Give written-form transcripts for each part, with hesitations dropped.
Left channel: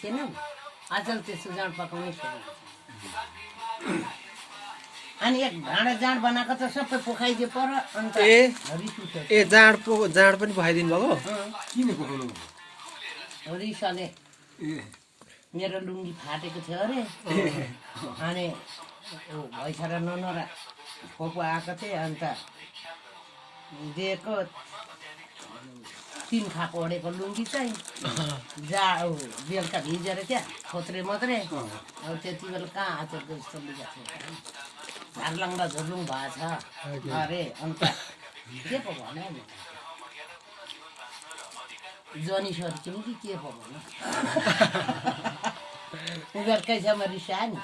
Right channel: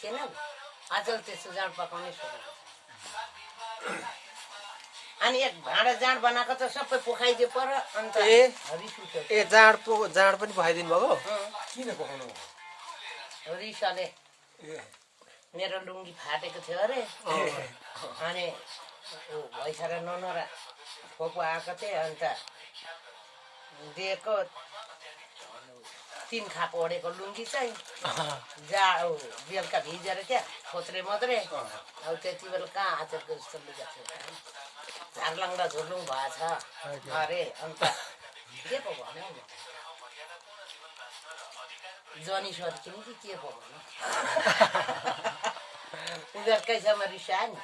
छैनौ अचेल त्यस्तो जाँड पकाउनै सकेको छैन अनि एक भाँडा जाँड बनाएको त सबै पोखाइदिए पर अन्त जाँड पनि पखाइदिनु भएको किन पकाउनु रिसाले मेरो लुङ्गी फाटेको थियो अरे अनि भैसा र ननरा फोपो आएको थिएँ अन्त दिएको 3 खाप ओढेको लुङ्गी चाहिँ बेलुका भिजेर क्या खोत्रे मात्रै अब त्यति बेला कहाँ आचेलको जस्तो लुगा थियो झारलङ्डा झुर्लुङ भएको छ अरे अन्त के पो भन्यो जनी सर्किने कि के पो भन्यो उनीहरूकैसँग रिसायो नि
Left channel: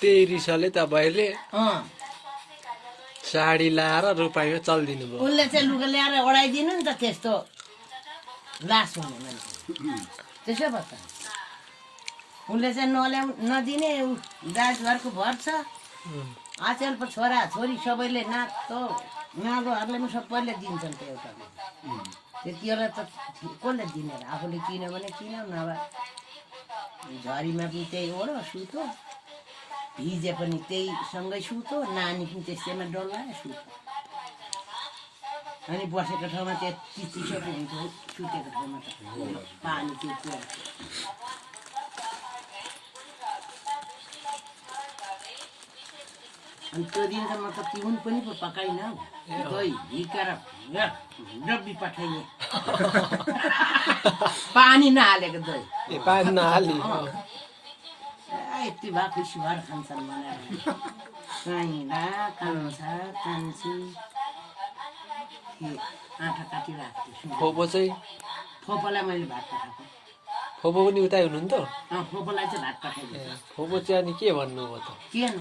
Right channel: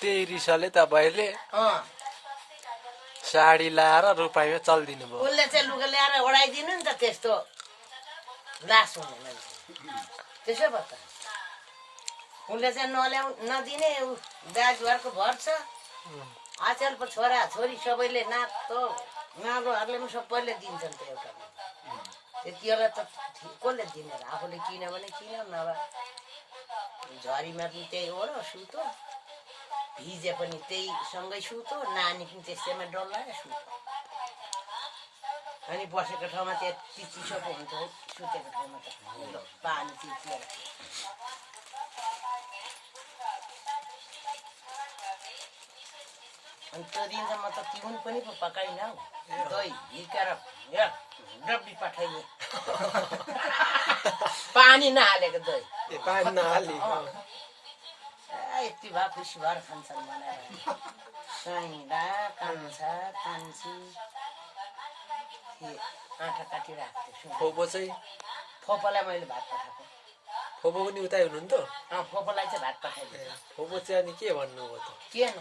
त्यही रिसाले तपाईँले साडी लाएर रुपाइँमा चल्दिनु भयो उसले चाहिँ लुगा ल्याएर ओढाइदिनु नि त त्यस्तो लास हुने मान्छे त्यसो भए त उसले चाहिँ नदिने दाजुहरूको भर छ आचेल पो छोरा छोरी सबैले नातो नागोहरूले पनि सबैले दिन्छन् त्यो एउटा त्यति बेला त कसले दिने र आफूले किन्यो भने किन्यो नभए झरीमा पनि त्यही ओढो सुतो भिजे पनि त्यही सँगै सुतो नानी पनि त्यस्तैमा डल्लायो सुतो अनि बसेको ठाउँमा त्यति चिसो पो हुन्छ सुतेको ठाउँमा त पानी चिचेर अनि त्यो दिन त म त तिउन पनि पो पकाइनँ दही हिर्काएर डब्बी पठाइदिएँ पानी नहालेको दही पानी नहाली यति भए खुसी भएर खान्छन् बनाएर काइँला कान्छा कान्छी आँखा काटिरहेको थिएँ फोपो चाहिँ फोपोलाई मैले भात पठाएको फोपो पनि उतै हुनुहुन्थ्यो फोपोलाई चाहिँ भात पठाइदिएँ फोपो चाहिँ अनि के भन्नुभयो त के न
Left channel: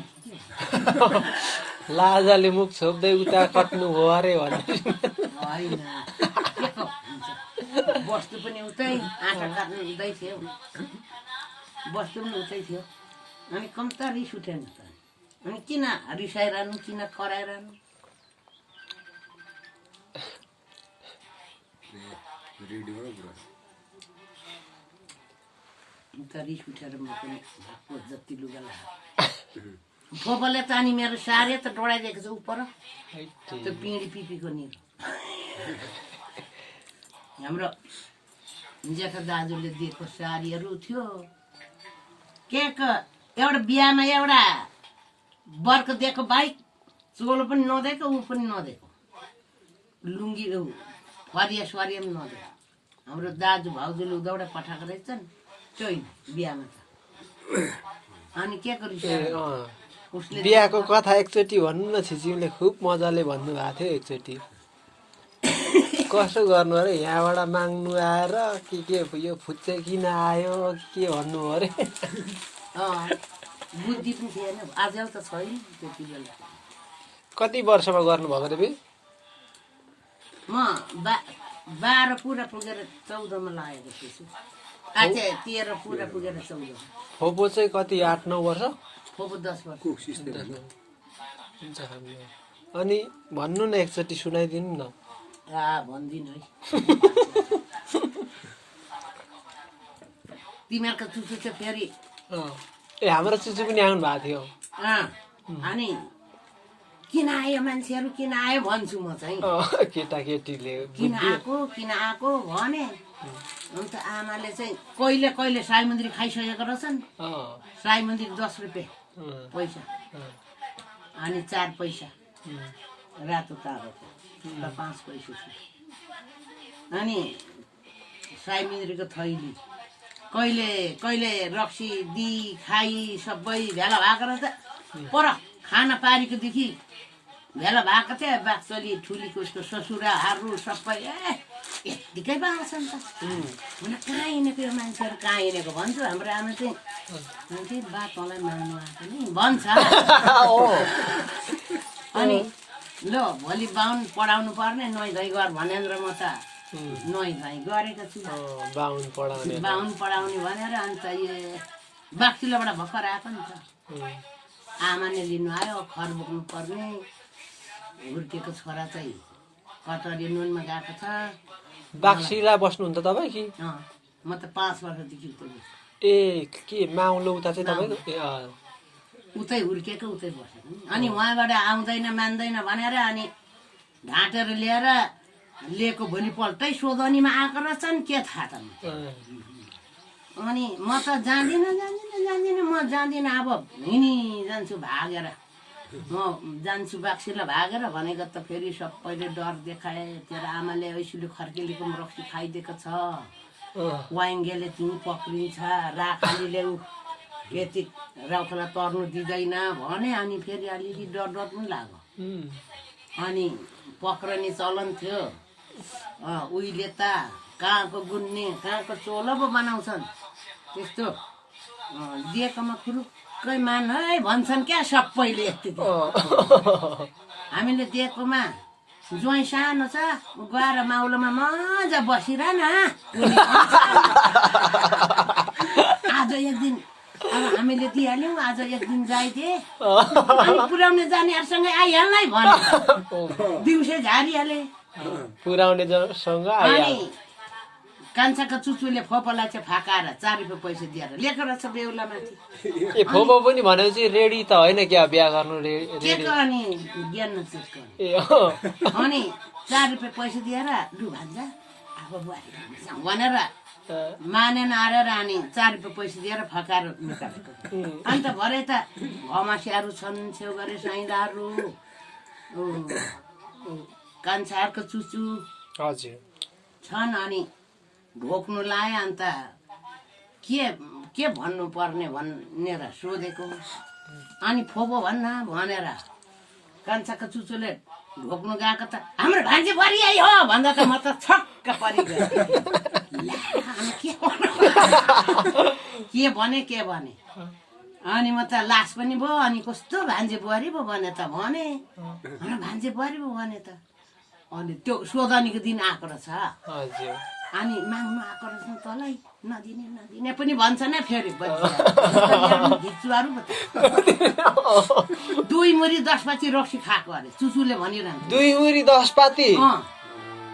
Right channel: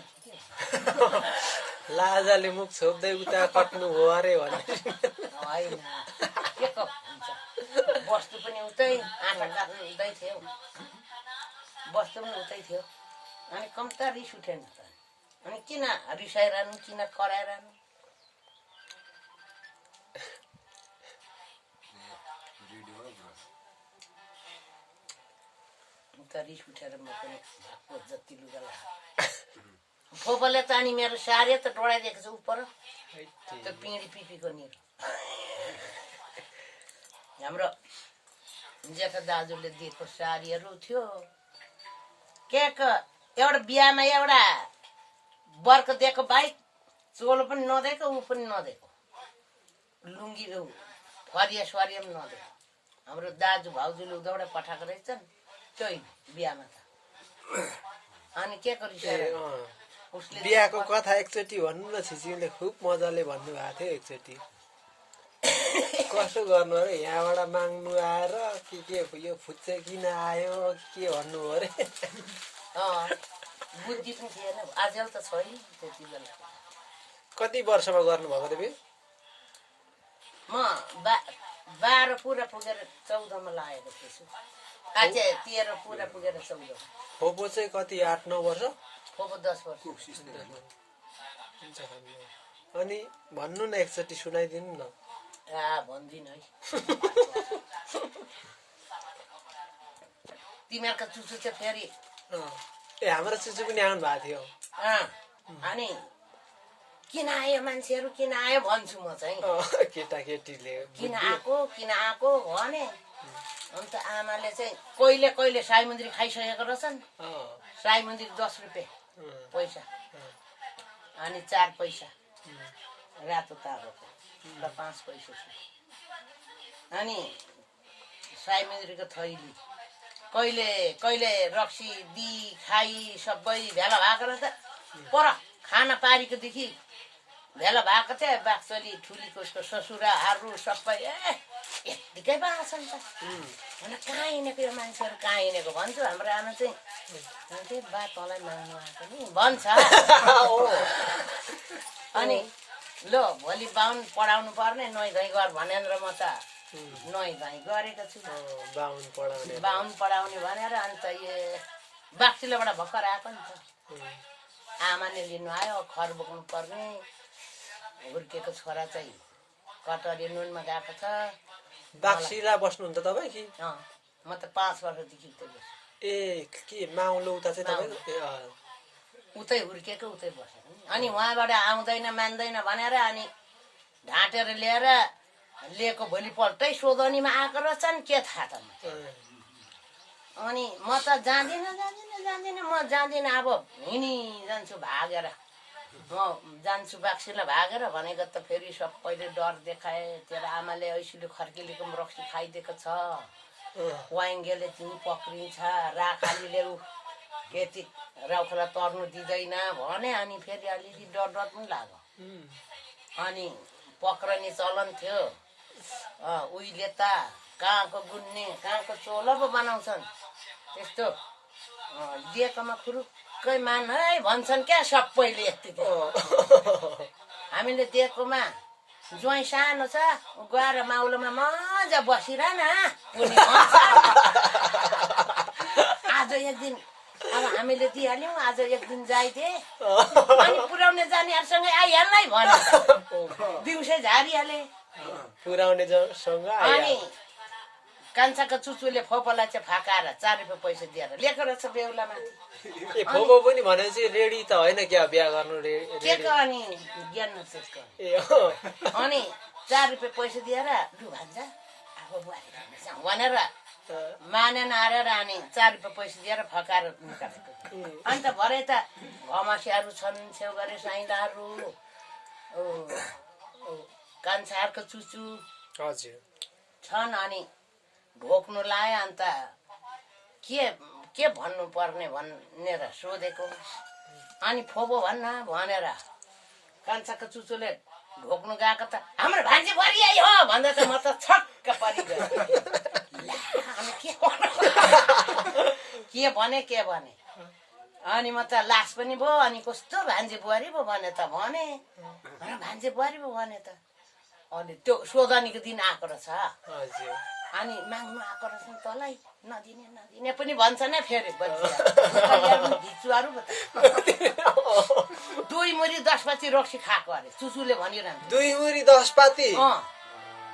लाजाले मुख छोप्दै उता कट्नु हो अरे भन्नु होइन के हुन्छ वस्तु पनि उतै आँखा काट्नु उतै थियो वस्तु पनि उतै थियो अनि कम्ता रिस उठेन अनि किन रिसाइरहनु किन कराइरहनु त रिस उठेर म पनि भएको जति लुगा लगाएँ फोपोले त अनि मेरो सारी त डढाइदिएको छ उपर त्यो पिँढी पिपीको निर हाम्रो जेठा दाजुले दिएको सारीहरू थियो के एउटा बिहामा एउटा बर्को दिएको बाइक चोलो पनि नदिएको ऊ पनि नदिएको लुङ्गी फरिया सरिया पनि नदिएको हाम्रो दाजु भाउजूले उदाउडा पठाएको रहेछन् त्यही बिहामा त अनि के उसले बिहाको कथा एकचोटि भन्नु न छिचिमले खुब मजाले भन्नुभएको थियो एकचोटि कसो गर्नु अरे यहाँबाट माग्नु आएर के यो फुच्चे किन आयो के भन्नु अरे बुद्धि पनि थिएन आजल त छैन त्यति बेला कति वर्षमा गर्नुभएको रे म 12 पुरा पुगेर 14 मा लागेको छु आचे 13 पुरा पुगेर 14 फोपो चाहिँ कति 8-9 वर्ष फोपो 10 वर्ष अनि भन्नु न एकचोटि सुनाइदिनु न भन्दिन है तिमीहरूको चुचु चाहिँ फेरि ए हाम्रो चुचु पनि आउनु भएको थियो अनि किन आयो मान्छेहरू किन आयो भन्छु म चाहिँ केटाकेटीले किन आएको भने अन्त आमाले चाहिँ कहिले कहिले साई मन्दिर खाइसकेको रहेछन् साई मन्दिर 10 रुपियाँ पैसा अनि 4 पैसा रातो तारोको र 5 पैसा छ अनि साई मन्दिरको थैली कहिले कहिले रक्सी दी खाई सबै भेला भएको रहेछ पर खाना पारीकोदेखि भेला भएको थियो बाक्सली ठुलीको उसको ससुराहरू सबै यत्तिकै भएको छ नि त कहाँ हिँडेको यो मान्छेहरू कहाँ हिँडेको भन्छु हाम्रो आमा चाहिँ बा तँलाई माग्नु आएको नि भन्छ अनि ल भोलि बाहुन पढाउनु पर्ने नुहाइ धुवाइ गर भनेर म त नुहाइ धुवाइ गरेको छु बाहुन पढाउने भनेर अन्त यो बाक्सिलाबाट भर्खर आएको नि त आमाले लिनु आयो खर बोक्नु पर्ने हुर्केको छोरा चाहिँ कटरी नुनमा गएको छ बाक्सिला बस्नुहुन्छ तपाईँ कि म त 5 वर्षदेखि उतै बस्छु। ए के माउलो उता चाहिँ तपाईँको उतै हुर्केको उतै बसेको नि। अनि उहाँबाट आउँदैन मान्दैन भनेर अनि ढाँटेर ल्याएर लिएको भोलिपल्टै सोधनीमा आएको रहेछन् के थाहा त। अनि म त जान्दिनँ म जान्दिनँ अब जान्छु भागेर म जान्छु बाक्सिला भागेर भनेको त फेरि सबैले डर देखाए। तेरो आमाले ऐसुले खर्किलीको रक्सी खाइदिएको छ, वाइङ्गेले तिमी पक्रिन्छ, राखालीले यति राउखोला तर्नु दिँदैन भने। अनि फेरि अलिअलि डर पनि लाग्यो। अनि पक्रने चलन थियो उहिले त। कहाँको गुन्ने कहाँको चोलो पो बनाउँछन् त्यस्तो दिएकोमा खुरुक्कै मान है भन्छन् क्या सबैले। यति हामीले दिएकोमा ज्वाइँ सानो छ गएर माउलोमा मजा बसिरह न। आज एक दिन अब हामीले दिइहाल्यौँ, आज एक दिन जाइदिए अनि पुर्याउने जानेहरूसँगै आइहाल्नु है भने दिउँसै झारिहाले। पुर्याउनेसँग अनि कान्छाको चुचुले फोपोलाई चाहिँ फाकाएर 4 रुपियाँ पैसा दिएर लिएको रहेछ बेहुला माथि। ए फोपो पनि भनेपछि रेडी त होइन क्या बिहा गर्नु के अनि ज्ञान नचेको अनि 4 रुपियाँ पैसा दिएर लु भन्छ अब बुहारी भनेर मानेन आएर अनि 4 रुपियाँ पैसा दिएर फकाएर निकालेको। अन्त भरे त घमासियाहरू छन्, छेउगरे साइदाहरू, कान्छाहरूको चुचु हजुर छन्। अनि ढोक्नु लाए। अन्त के भन्नु पर्ने भनेर सोधेको। अनि फोपो भन्न भनेर कान्छाको चुचुले ढोक्नु गएको त हाम्रो भान्जी बुहारी आई हो भन्दा त म त छक्क परिगयो। के भने अनि म त लास पनि भयो। अनि कस्तो भान्जी बुहारी पो भने त भने भान्जी बुहारी पो भने त। अनि त्यो सोधनीको दिन आएको रहेछ। अनि माग्नु आएको रहेछ तँलाई नदिने पनि भन्छ न फेरि भिचुहरू 2 मुरी 10 पाती रक्सी खाएको अरे चुचुले भनिरहन्छ। 2 मुरी 10 पाती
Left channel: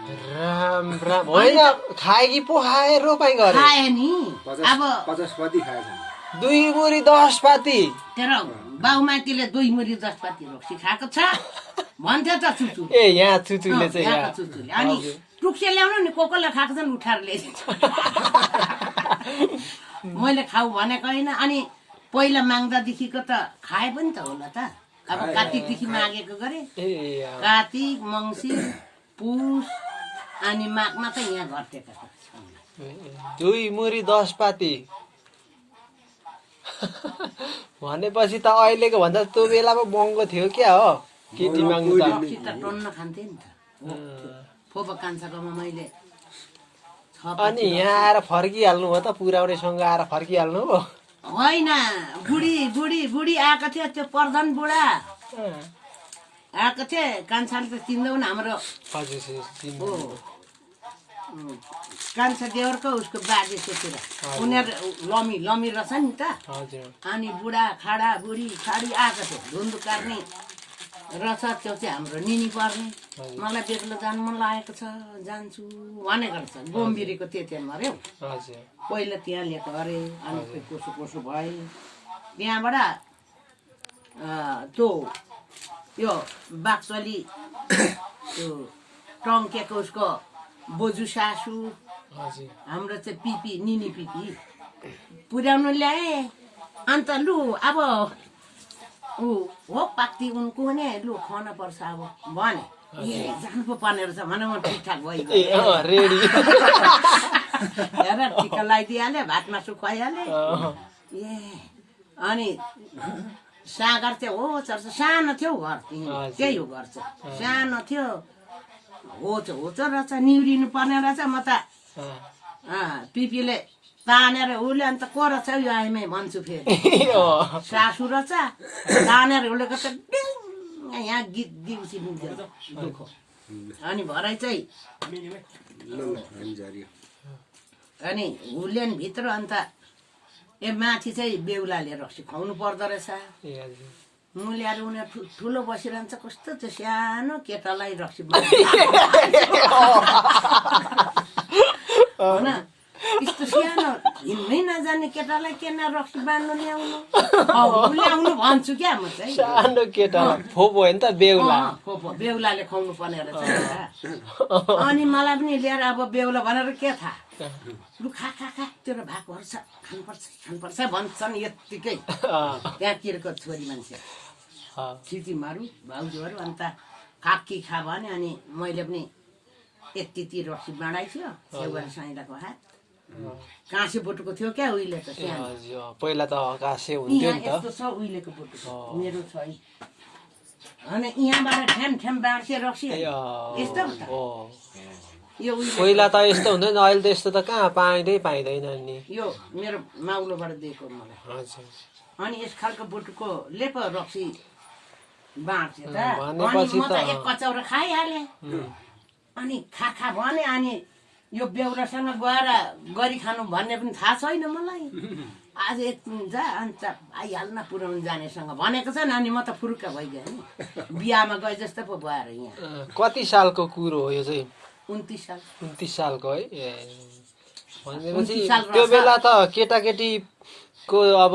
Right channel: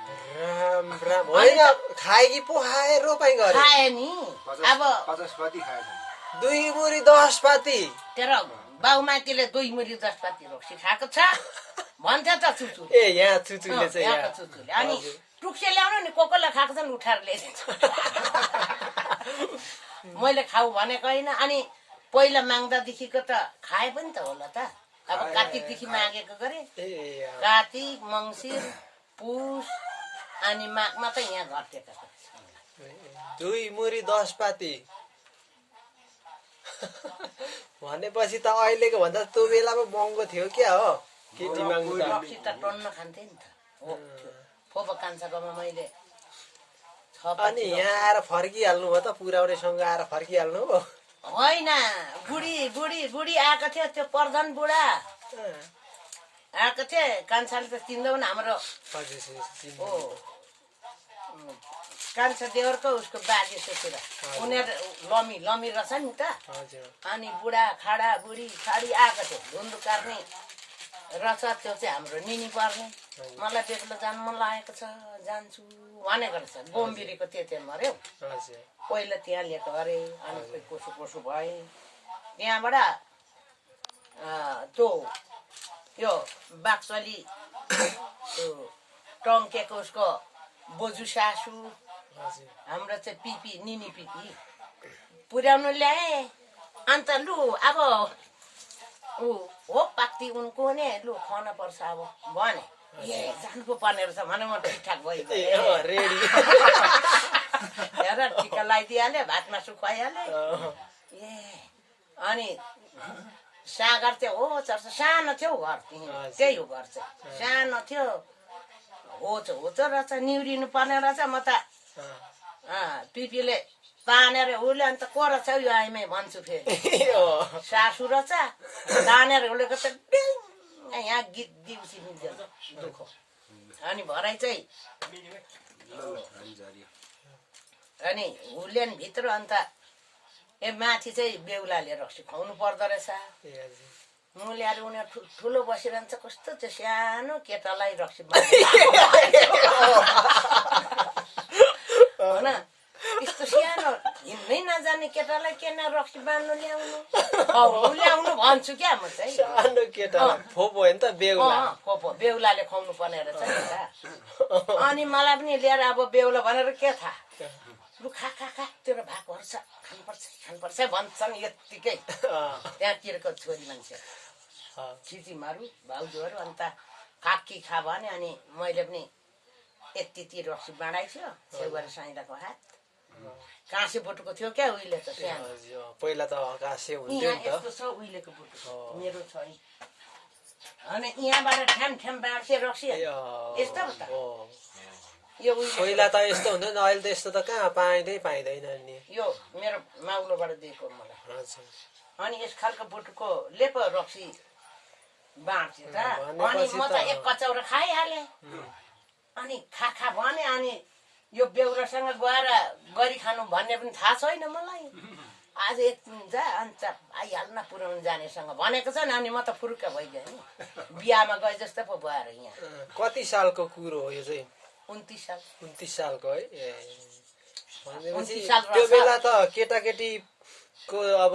राम राम होइन खाए कि पो खाए रोपाइ गरे खाए नि। अब 50 पाती खाएछ 2 मुरी 10 पाती तेरो बाउमाइतीले 2 मुरी 10 पाती रक्सी खाएको छ भन्थ्यो त चुचु। ए यहाँ चुचुले चाहिँ यहाँ चुचुले अनि टुक्से ल्याउनु नि कोकोले खाएको छन् उठाएर ल्याइदिन्छ। मैले खाऊ भनेको होइन। अनि पहिला माग्दादेखिको त खाए पनि त होला त। अब कार्तिकदेखि मागेको गरे कार्तिक मङ्सिर पुस अनि माघमा त यहाँ घटेको 2 मुरी 10 पाती भनेपछि त अहिलेको भन्दा त्यो बेलामा महँगो थियो क्या हो केटी माग्नु त टन्न खान्थे नि त। फोपो कान्छाकोमा मैले अनि यहाँ आएर फर्किहाल्नु हो त पुर्याउनेसँग आएर फर्किहाल्नु हो होइन। बुढी आएको थियो त्यो प्रधान बुढा आएको थिए। कान्छाले त चिन्दैउ न हाम्रो कान्छा देवरको उसको बाजे सोचेर उनीहरू लमी रहेछ नि त। अनि बुढा खाडा बुढी खाडी आएको थियो धुन्दु कार्ने रहेछ। त्यो चाहिँ हाम्रो निनी पर्ने। मलाई बेग्लो जानु मन लागेको छ जान्छु भनेको रहेछ। गोम्बिरीको त्यतिमा अरे पहिला त्यहाँ ल्याएको अरे। अनि कसो भए त्यहाँबाट त्यो यो बाक्सली त्यो टङ्केको उसको बोजू सासू हाम्रो चाहिँ पिपी निनी पिपी पुर्याउनु ल्याए। अन्त लु अब हो पाक्ति उनको नि लु खुवाउन पर्छ अब भने जानु पो पर्ने रहेछ भने म ठिकठाक भइगयो हेर टिका लगाइदिइहालेँ भात मासु खुवाइहालेँ। ए अनि सागर चाहिँ हो चर्च सानो थियो घर त्यही हो घर चाहिँ सानो थियो हो रहेछ निउरिनु पर्ने रहेछ। म त पिपीले तानेर उसले अन्त को रहेछ यो आइमै भन्छु फेरि सासु रहेछ तानेर उसलेको त यहाँ गीत दिउँसी दुःख। अनि भरै चाहिँ अनि हुलेन भित्र अन्त ए माथि चाहिँ बेहुलाले रक्सी खुवाउनु पर्दो रहेछ। मुल्याएर उनीहरू ठुलो बसिरहन्छ कस्तो त्यो सानो केटालाई रक्सी होइन यस्तो सानो हिँड्नै नजाने केटालाई केना रक्सी बाँध्नु ल्याउनु भन्छु क्या म चाहिँ सानो केटा फोपो हो नि त बेहुला बेहुलाले खुवाउनु पर्ने रहेछ अनि मलाई पनि ल्याएर अब बेहुला भनेर के थाहा लु खा खा खा तेरो भागहरू छ खानुपर्छ भन्छन् यत्तिकै त्यहाँतिरको छोरी मान्छे छिटीमारू भाउजूहरू अन्त काकी खा भने अनि मैले पनि यति रक्सी बाँडाएको थियो छेउबाट साइदाको हात काँसे बोटुको थियो क्या उहिले त पहिला त काँसे हुन्थ्यो नि त यस्तो छ उहिलेको बोटु मेरो छ अनि यहाँबाट ठ्याम ठ्याम बाँड्थे रक्सी यस्तो यो पहिला त यस्तो हुँदैन अहिले त यस्तो त कहाँ पाइँदैन नि यो मेरो माउलोबाट दिएको मलाई अनि यस खालको बोटुको लेपो रक्सी बाँड्थ्यो त अनि म त एक कचौरा खाइहालेँ अनि खा भने अनि यो बेहुलासँग गएर गरी खानु भन्ने पनि थाहा छैन मलाई आज एकदिन जा अन्त आइहाल्न पुऱ्याउनु जानेसँग भनेको छ नानी म त फुरुक्क भइगएँ नि बिहामा गए जस्तो पो भएर यहाँ कति सालको कुरो हो यो चाहिँ 29 सालको है भनेपछि त्यो बेला त केटाकेटीको अब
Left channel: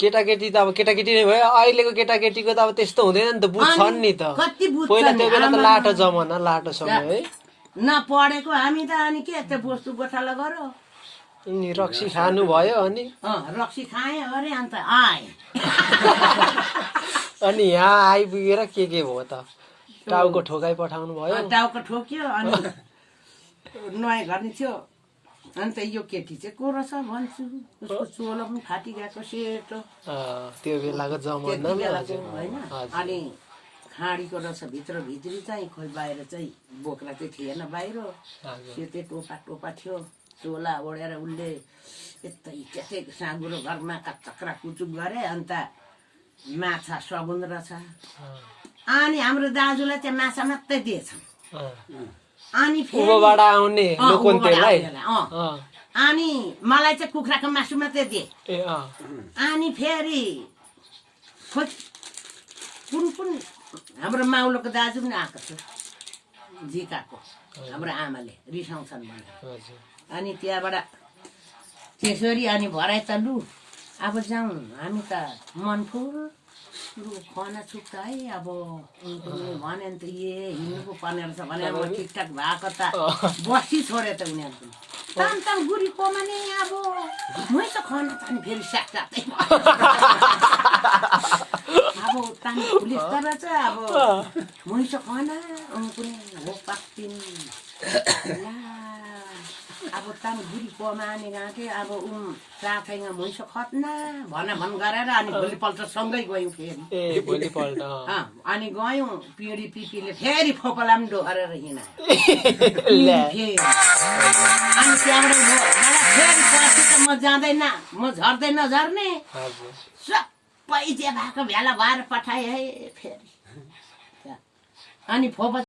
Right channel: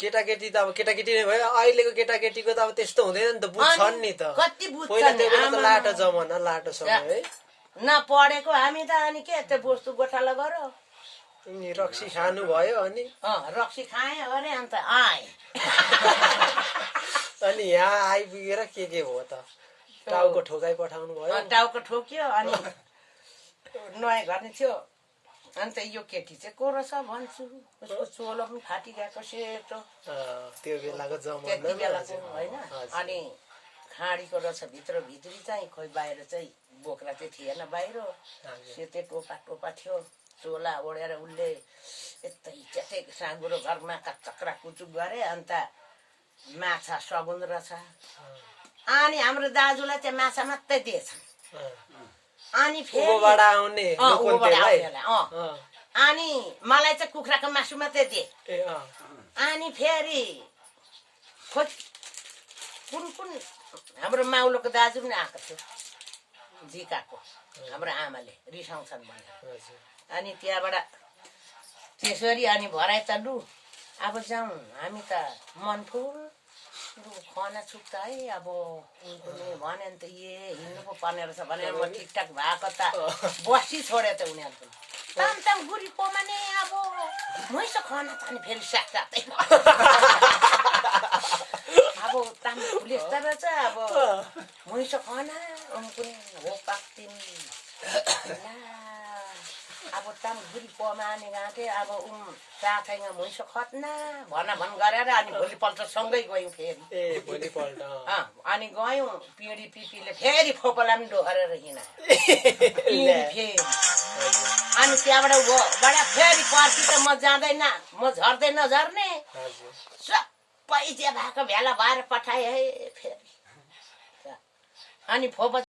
केटाकेटी त अब केटाकेटी नै भयो अहिलेको केटाकेटीको त अब त्यस्तो हुँदैन नि त बुझ्छन् नि त पहिला त्यो बेला त लाटो जमाना लाटो समय है नपढेको हामी त अनि के त्यो वस्तु गोठाला गरो अनि रक्सी खानु भयो अनि रक्सी खाएँ अरे अन्त आएँ अनि यहाँ आइपुगेर के भयो त टाउको ठोकाइ पठाउनु भयो टाउको ठोक्यो अनि नयाँ गर्ने थियो अन्त यो केटी चाहिँ को रहेछ भन्छु उसको चोलो पनि फाटिगएको सेतो त्यो बेलाको जमाना होइन अनि खाडीको रहेछ भित्री चाहिँ खोइ बाहिर चाहिँ बोक्रा चाहिँ थिएन बाहिर सेतै टोपा थियो चोला ओढेर उसले यतै साँगुरो घरमा चक्रा कुचुक गरे अन्त माछा सगुन रहेछ अनि हाम्रो दाजुलाई चाहिँ माछा मात्रै दिएछन् अनि फेरि आउने अनि मलाई चाहिँ कुखुराको मासु मात्रै दिए अनि फेरि कुन हाम्रो माउलोको दाजु पनि आएको थियो जिकाको हाम्रो आमाले रिसाउँछन् भनेर अनि त्यहाँबाट त्यसरी अनि भराइ त लु अब जाउँ हामी त मनफुल लु खना छुट्छ है अब उनीहरूले भने नि त हिँड्नु पो पर्ने रहेछ भनेर म ठिकठाक भएको त बसी छोडे त उनीहरू पनि ताम गुरीकोमा नै अब मैस खना त अनि फेरि साथसाथै अब ताम पुलिस त रहेछ अब मैस खना उनको हो पाक्तिन अब ताम गुरीकोमा आने गएको थिएँ अब साथैमा मैस खत्ना भन गरेर अनि भोलिपल्ट सँगै गयौँ फेरि अनि गयौँ पिँढी पिपीले फेरि फोपला पनि डोहोरेर हिँडा अनि त्यहाँबाट फेरि पछि त म जाँदैन म झर्दै नझर्ने सबै जे भएको भेला भएर पठाएँ है फेरि अनि फोपा